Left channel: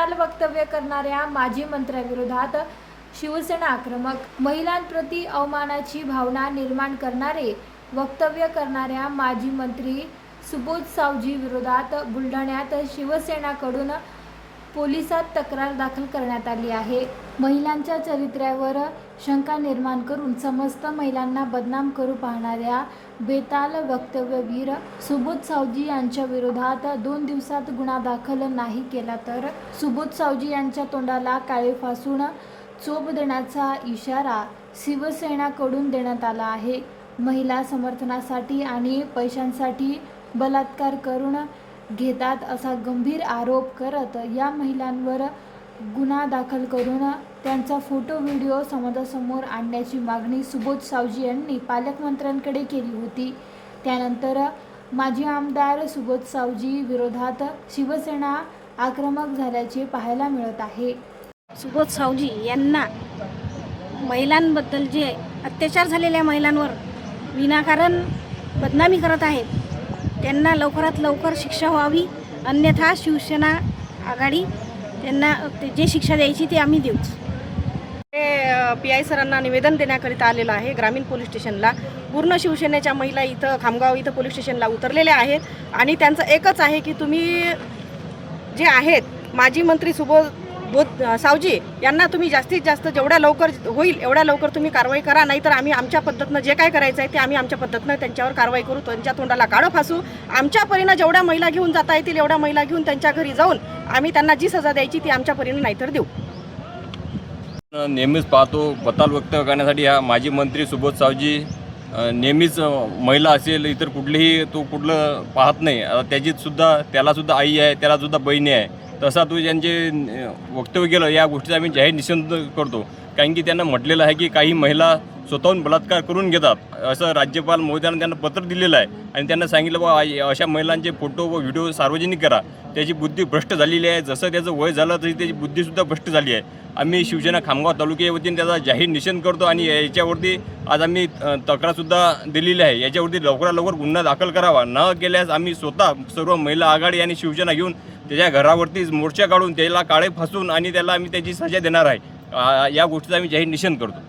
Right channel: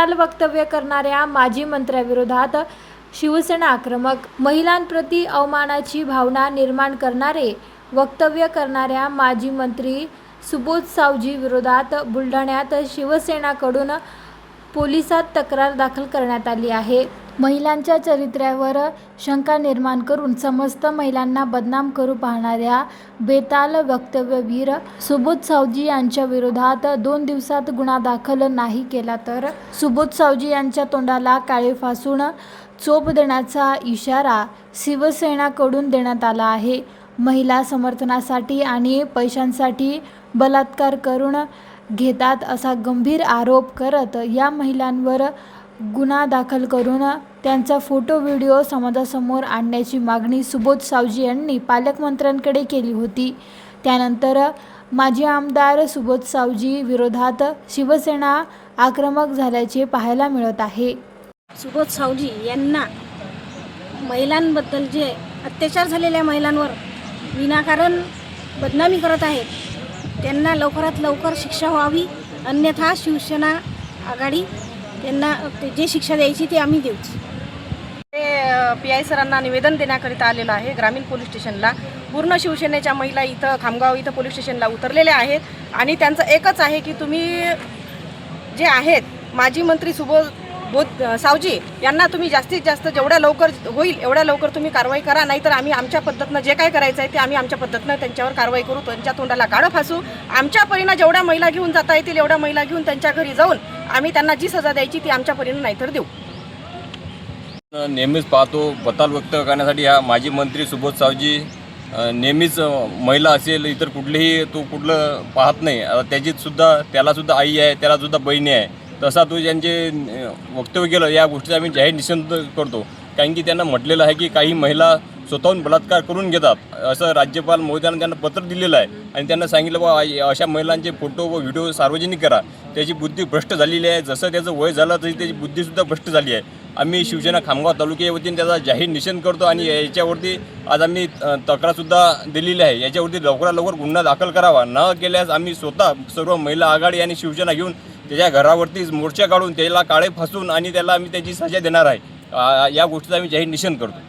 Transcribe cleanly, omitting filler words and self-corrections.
बेताल वक्तव्य करणाऱ्या माजी मंत्र्याविरोधात शिवसेना आक्रमक. महिलांप्रती अवमानाची भावना निर्माण करणारे वक्तव्य करणाऱ्या माजी मंत्री सुबोध सावजी विरोधात बुलढाण्यात शिवसेनाकडून पोलिसात तक्रार दाखल करण्यात आली आहे. महिलांच्या चरित्र्यावर शंका निर्माण करून समस्त महिलांना बदनाम करू पाहणाऱ्या बेताल वक्तव्यवीर सुबोध सावजी यांच्या विरोधात 2 दिवसात गुन्हा दाखल नाही केला तर सुबोध सावजी यांच्या तोंडाला काळे फासून चोप देण्याचा इशारा शिवसेनाकडून देण्यात आला आहे. महिला समर्थनासाठी आणि पैशांसाठी बलात्कार करून घेतात असा गंभीर आरोप करत या महिलांवर गुन्हा दाखल करून त्यांचा फोटो व्हिडिओ समाजासमोर आणण्याची मागणी सुबोध सावजी यांनी पालकमंत्र्यांकडे केली होती. त्यानंतर माजी आमदार सुबोध सावजी विरोधात शिवसेना आक्रमक झाल्याचे पाहायला मिळत आहे. सुबोध सावजी यांना महिलांबद्दल जे अत्याचार झालेल्या महिलांवर विनाकारण बदनामी करत आहेत, त्यांना लवकरात लवकर शिक्षा व्हावी, अन्यथा शिवसेना आघाडी त्यांना जे शिक्षा द्यायची ते आम्ही देऊ. PI सरांना निवेदन देण्याकरिता आलेलं आहे ग्रामीण पोलीस स्टेशनला. पूर्ण शिवसेनेच्या महिला इथं खामगाव इथं पोलीस स्टेशनला उतरलेल्या आहेत आणि त्यांचं एकच आहे की तुम्ही जे आहेत माजी मंत्री सुबोध सावजी यांना तुम्ही जास्तीत जास्त जेवढ्या लवकर होईल एवढ्या लवकर तुम्ही कारवाई करा, नाहीतर आम्ही आमच्या पद्धतीनं जे काय करायचं आहे ते आम्ही आमच्या पद्धतीनं त्यांच्यावर कारवाई करू, त्यांच्या तोंडाला काळं फासू. आमच्या परीनं जेवढ्या महिला घेऊन जाता येतील एवढ्या महिला घेऊन त्यांच्या घरी जाऊन आम्ही त्यांना जी सजा द्यायची ती आमच्या परीनं नाहीतर देऊ. नेहमीच पाहतो बेताल व्यक्त करण्यासाठी हा माजी मंत्री सुबोध सावजी नेहमीच महिला असेल इतर कुठलेही तो कुठलं पाहत नाही. त्यालासुद्धा आई आहे, त्यालासुद्धा बहिणी आहे. तसा तो ज्यांचे वक्तव्य केलं या गोष्टीचा आम्ही जाहीर निषेध करतो. कारण की त्यांना म्हटलेलं आहे की काही महिला स्वतःहून बलात्कार करून घेतात, असं राज्यपाल महोदयांना त्यांना पत्र दिलेलं आहे आणि त्यांना सांगितलं बा अशा महिलांचे फोटो व व्हिडिओ सार्वजनिक करा. त्याची बुद्धी भ्रष्ट झालेली आहे. जसं त्याचं वय झालं तरी त्याची बुद्धीसुद्धा भ्रष्ट झाली आहे. आम्ही शिवसेना खामगाव तालुक्याच्या वतीने त्याचा जाहीर निषेध करतो आणि याच्यावरती आज आम्ही तक्रारसुद्धा दिलेली आहे. याच्यावरती लवकरात लवकर गुन्हा दाखल करावा. न केल्यास आम्ही स्वतः सर्व महिला आघाडी आणि शिवसेना घेऊन त्याच्या घरावरतीच मोर्चा काढून त्याला काळे फासून आणि त्याला आम्ही त्याची सजा देणार आहे. या गोष्टीचा आम्ही जाहीर निषेध करतो.